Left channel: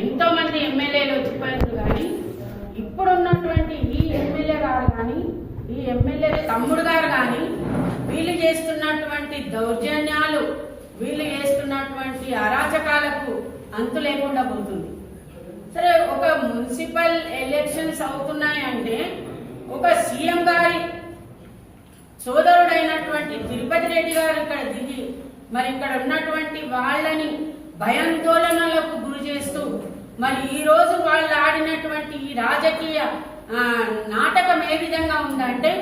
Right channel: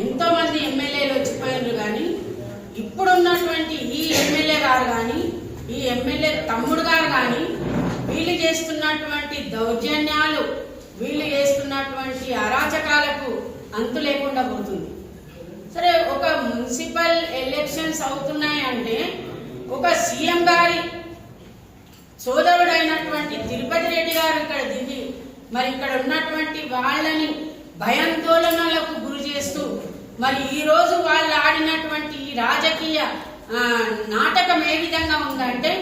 ఎంతో మంది ఎమ్మెల్యేలు వచ్చిపోయారు, కానీ ఇప్పుడున్నటువంటి ఈ ఎమ్మెల్యే గారు కానీ ఈ ఎమ్మెల్యే తమ్ముడు గారు కానీ వీళ్ళు చేస్తున్నటువంటి దౌర్జన్యాలు, వీళ్ళు చేస్తున్నటువంటి అరాచకాలకు అంతు లేకుండా పోతుంది. సరే, ఒక మున్సిపల్ ఎలక్షన్స్ అవుతున్నాయంటే ఒక సీఎం గారి సోదరుడైనటువంటి తిరుపతి రెడ్డి గారు ఇక్కడ దిగి మరి ఇక్కడ ఉన్నటువంటి వాళ్ళని భయాందోళనలకు గురి చేస్తూ మరి ఈరోజు వాళ్ళు ఆడినటువంటి ఈ రాజకీయ నాటకం ఏ విధంగా ఉందంటే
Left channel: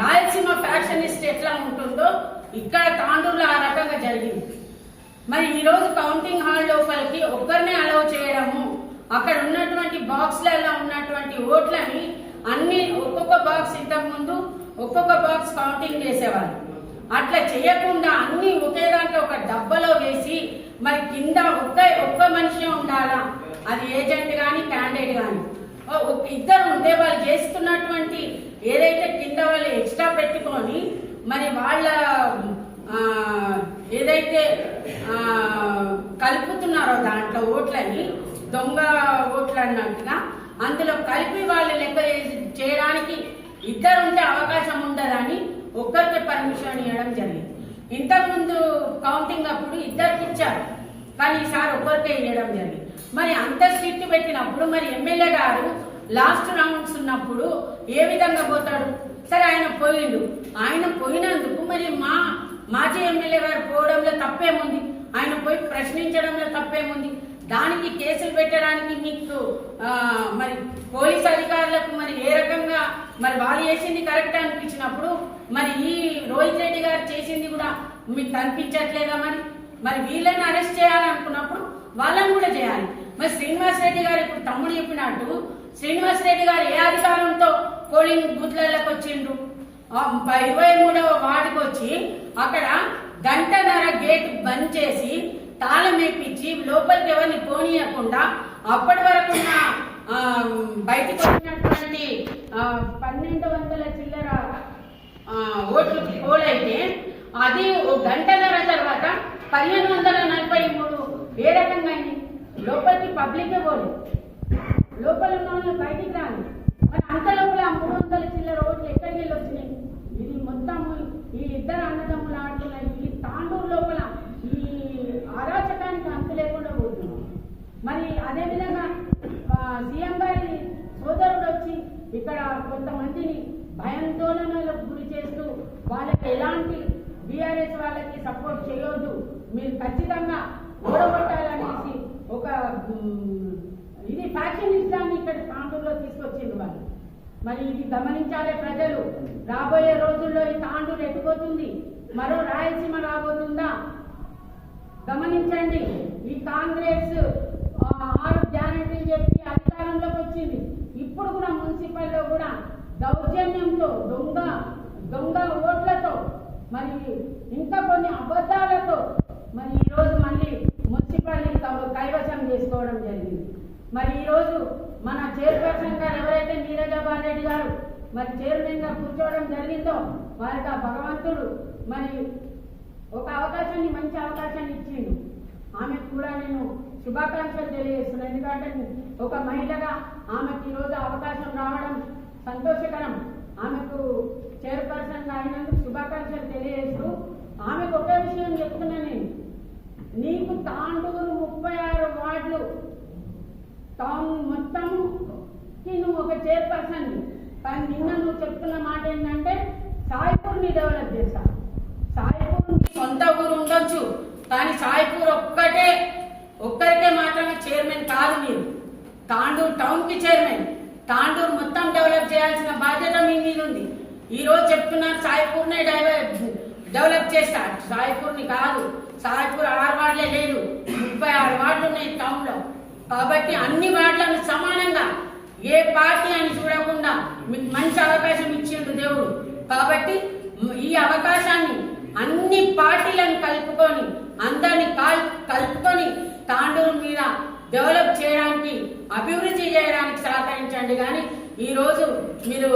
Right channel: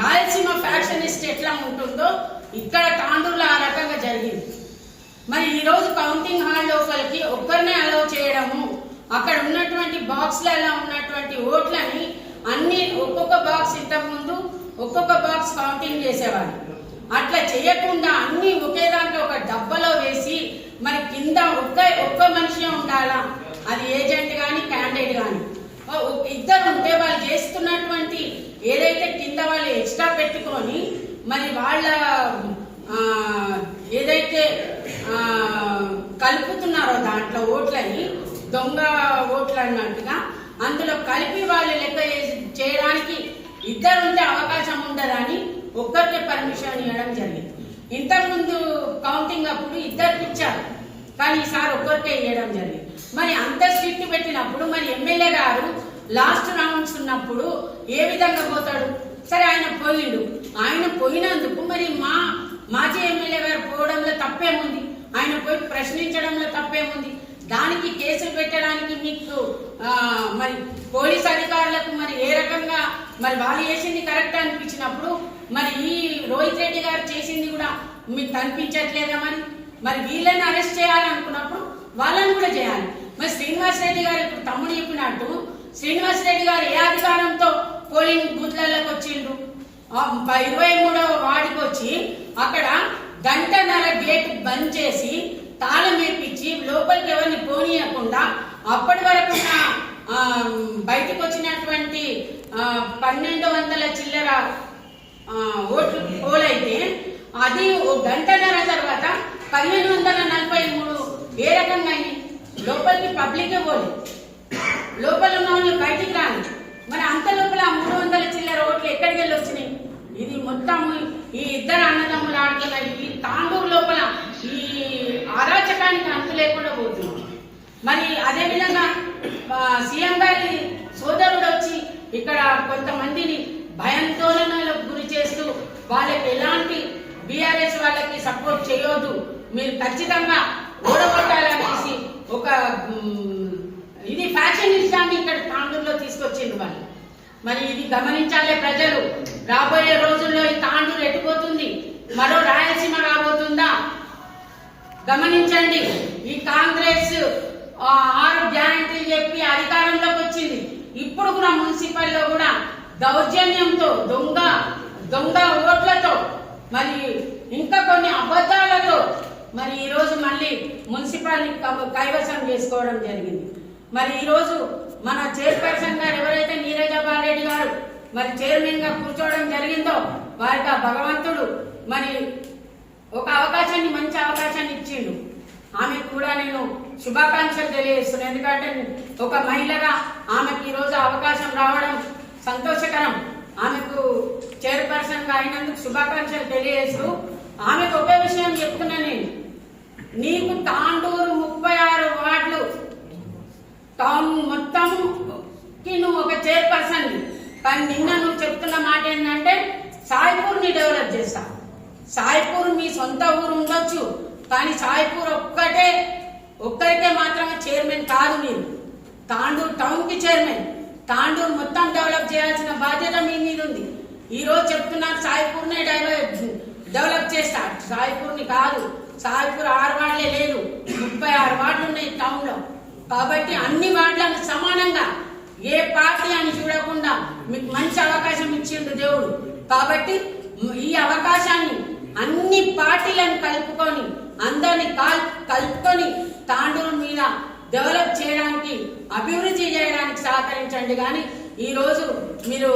రాయలసీమ ఫ్యాక్షనిస్ట్ ఎట్లా ఉంటుందో ఇక్కడ తాండూరులో ఆ రకంగా జరిగింది. మరి ఈరోజు కౌంటింగ్ హాల్ లోపలికి ఒక్కరినే అలౌ చేయడము, అక్కడ ఉన్నటువంటి బాక్స్లలో ఉన్నటువంటి ఓట్లని అన్ని ఒక్కొక్క బాక్స్ ఇంతకుముందు ఒక్కొక్క బాక్స్ కౌంటింగ్ చేసేవారు, అట్లా చేయకుండా అన్ని ఒకే దాంట్లో ఒక డబ్బాలో వేసి మరి కింద ఒక్క మనిషి ఉండాలా, అది ఏజెంట్ కానీ క్యాండిడేట్ కానీ ఇద్దరు ఉంటే వాళ్ళు చేస్తున్నటువంటి ఏదైతే కింద వాళ్ళు ఎక్స్ట్రా పెట్టుకొని మరి వాళ్ళ ఏదైతే కలుపుతున్నారో దాంట్లో ఓట్లని దొంగ ఓట్లు అన్నట్టుగా అందులో కలిపి వాళ్ళు లెక్క చేయడానికి ఇద్దరు ఉంటే అవకాశం ఉండదని ఒక్కరికి పర్మిషన్ ఇవ్వడం జరిగింది. ఇంతకుముందు కౌంటింగ్ అప్పుడు ఇద్దరికి ఇచ్చారు, కానీ ఈసారి ఒక్కరికే ఇవ్వడం జరిగింది. మరి అంత స్ట్రిక్ట్ పెట్టినప్పుడు మరి ఎమ్మెల్యే గారు లాస్ట్ రౌండ్స్ ఉన్నప్పుడు ఏ విధంగా పోతాడు? సరే, ఆయన పోయిండు, ఆయన పోయినందుకు మరి మాజీ ఎమ్మెల్యే గారు పోవడంలో తప్పేముంది? ఆయన పోయి ప్రశ్నించడంలో తప్పేముంది? దానికి కేసులు పెట్టడానికి మీకు మరి పోలీస్ అధికారులకు మరి ఏ రకంగా మరి వాళ్ళు చేసింది కరెక్ట్ అనిపించినప్పుడు మరి ఈ రోహిత్ రెడ్డి గారు చేసింది కూడా మీకు కనిపించట్లేదా? మరి వీళ్ళని అరెస్ట్ చేయాలనుకున్నప్పుడు వాళ్ళని కూడా చేయాలి. మరి శ్రీనివాస్ రెడ్డి గారు ఇప్పుడు తమ్ముడు చెప్పినట్టు శ్రీనివాస్ రెడ్డి గారు ఏ అధికారంతో పోలింగ్ బూత్లకు వచ్చిండ్రు? 23వ వార్డుకి వచ్చి అక్కడ గంటన్నర గేట్ బంద్ చేసి తాళం వేపించి లోపలికి ఎవరిని పోనీయకుండా అప్పటి వరకు బయటకు వచ్చినటువంటి 1200 చిల్లర ఓట్లు పోలైతే అది గంటన్నర తర్వాత 1543 ఏ రకంగా అయింది? లోపలికి పబ్లికే పోలేదు, లోపల ఉన్న వాళ్ళు బయటికి రాని. మరి అంత లోపల 300 చిల్లర ఓట్లు ఎక్కడికి వెళ్ళి వచ్చినాయి? ఇది మొత్తం ఈ ఇద్దరు అన్నదమ్ములు ఆడుతున్నారు. ఈ తాండూరు లోపల ఈ అరాచకానికి అంతు లేకుండా పోతుంది. మరి అదేవిధంగా సీఎం గారి సోదరుడు వచ్చి ఇక్కడ కొంతమందిని భయాందోళనలకు గురి చేస్తూ వాళ్ళకి ఎలాంటి బీఆర్ఎస్ వాళ్ళకి సపోర్ట్ చేయొద్దు, మీరు ఖచ్చితంగా ఓడగొట్టాలనేసి ఒక ఇది ఫ్యాక్షనిస్టాన్ని ఇక్కడ తాండూరులో తీసుకొచ్చింది వాళ్ళు. మరి ఇది గమనించాలే ప్రజలు. రాబోయే రోజుల్లో ఈ తాండూరు ఎటుపోతుంది? మరో రాయలసీమ రాబోతుందా? గమనించండి. ఈ కాంగ్రెస్ 6 గ్యారంటీలు చెప్పి అధికారంలోకి వచ్చింది. ఇప్పుడు కూడా మున్సిపల్లో కూడా దౌర్జన్యంతో దొంగ ఓట్లతో మరి ఇంకా కొన్ని అబద్ధాలతో మరి ఈరోజు మళ్ళీ మున్సిపాలిటీ కైవసం చేసుకోవడం జరిగింది. మరి ఈరోజు మన చైర్పర్సన్ గారు ఎవరైతే నీరజాబాల్ రెడ్డి గారు మరి చైర్మన్ గా కూర్చోవడం జరిగిందో వారికి ఆ భగవంతుడు మరి ఒక అవకాశాన్ని, మంచి అవకాశాన్ని ఇచ్చిండు. ఆమెకు కూడా నేను శుభాకాంక్షలు తెలియజేస్తున్నాను. ఎందుకంటే ఒక మహిళగా ఆమెకు ఈరోజు అవకాశం రావడం సంతోషకరం. ఆమెకు చైర్పర్సన్ గా అయినందుకు శుభాకాంక్షలు తెలియజేస్తూ ఆమెకు ఒకే విషయం చెప్తున్నా, నేను నీకు తాండూరు 36 వార్డులు టౌన్ మొత్తంకి నువ్వు ఒక చైర్పర్సన్, కానీ నిన్న నువ్వు చెప్తున్న మాట ఏంటంటే సాయిపూర్ని డెవలప్ చేస్తా. సాయిపూర్ మీ సొంత ఊరు ఉండొచ్చు, కానీ సాయిపూర్ ఒక్కరికే మాత్రమే చైర్మన్ కాదు. మీరు తాండూరు టౌన్ కి చైర్మన్, తాండూరు మొత్తం డెవలప్ చేయాల్సిన బాధ్యత మీ మీద ఉంది. ఈ రోజు చెప్తున్నారు సాయిపూర్నే డెవలప్ చేస్తా. సాయిపూర్ని కాదు, సాయిపూర్ 6 వార్డులే లేదు, 36 వార్డులు ఉన్నాయి టౌన్ లో. కాబట్టి అన్ని వార్డులను సమానంగా ఏ పార్టీ అని చూడకుండా మీకు మంచి అవకాశం ఇచ్చిండు దేవుడు. కాబట్టి ఈ అవకాశాన్ని అన్ని పార్టీలను కలుపుకొని అందరిని కలుపుకొని తాండూరు మీద డెవలప్ చేయడానికి, అభివృద్ధి చేయడానికి సహకరించండి. కానీ ఈరోజు మీరు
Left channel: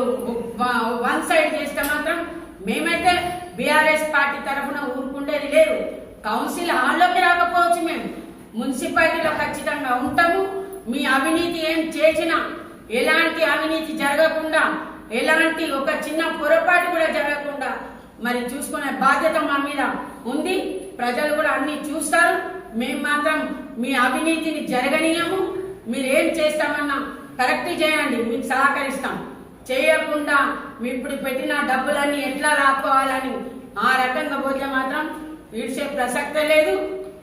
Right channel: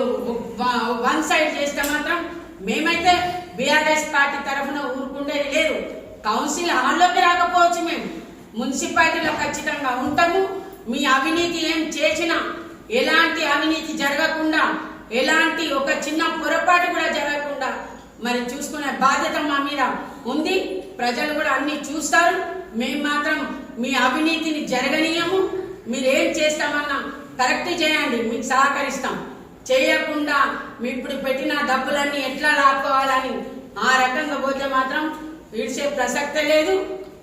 వన్ సైడ్ చేస్తే మాత్రం మేమైతే బీఆర్ఎస్ పార్టీ తరఫున ఊరుకుండేది లేదు. కౌన్సిల్ హాల్లోకి రాకపోవచ్చు, మేము మున్సిపాలిటీలో ఖచ్చితంగా ఉంటాము. మీ అవినీతి ఏం చేసినా, ఎలాంటి అవినీతి జరగకుండా, ఎలాంటి ఒక చిన్న పొరపాటు కూడా జరగకుండా మరి చూసుకునే బాధ్యత మా మీద ఉంది. ప్రజలు కూడా అన్ని చూస్తారు. మేము మాత్రం మీ అవినీతిని జరగనీయము. మీరు ఏం చేస్తామన్నా కరెక్ట్ చేయండి, మీకు సహకరిస్తాం. చేయకుండా మీ ఇప్పుడు పెట్టిన డబ్బులన్నీ ఎట్లా లాక్కోవాలని ఆ రకంగా పోతే మాత్రం విడిచే ప్రసక్తే లేదు.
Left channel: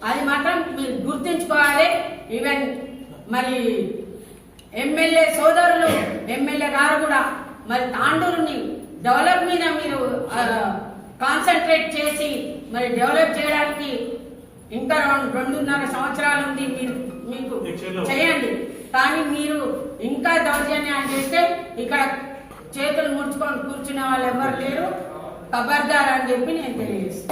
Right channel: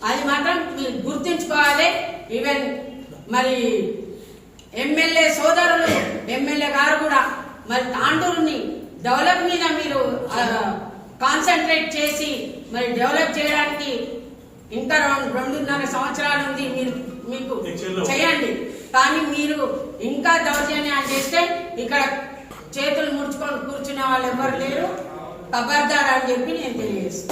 అది మాత్రం మీరు గుర్తుంచుకోవాలి. ఈవెన్ మరి ఎమ్మెల్యే సోదరులు, ఎమ్మెల్యే గారు కూడా మరి తాండూరుని డెవలప్ మీద మీరు కాన్సన్ట్రేట్ చేసి మరి డెవలప్ చేయడానికి ఇంకా 2.5 సంవత్సరాలు ఉంది. మీకు చేయండి. కానీ మీరు ఇంకా దౌర్జన్యాలు చేస్తే ఇక్కడ చేతులు ముడుచుకొని కూర్చునే వాళ్ళు ఎవరు లేరు. ఖబర్దార్ అని చెప్పి నేను తెలియజేస్తాను.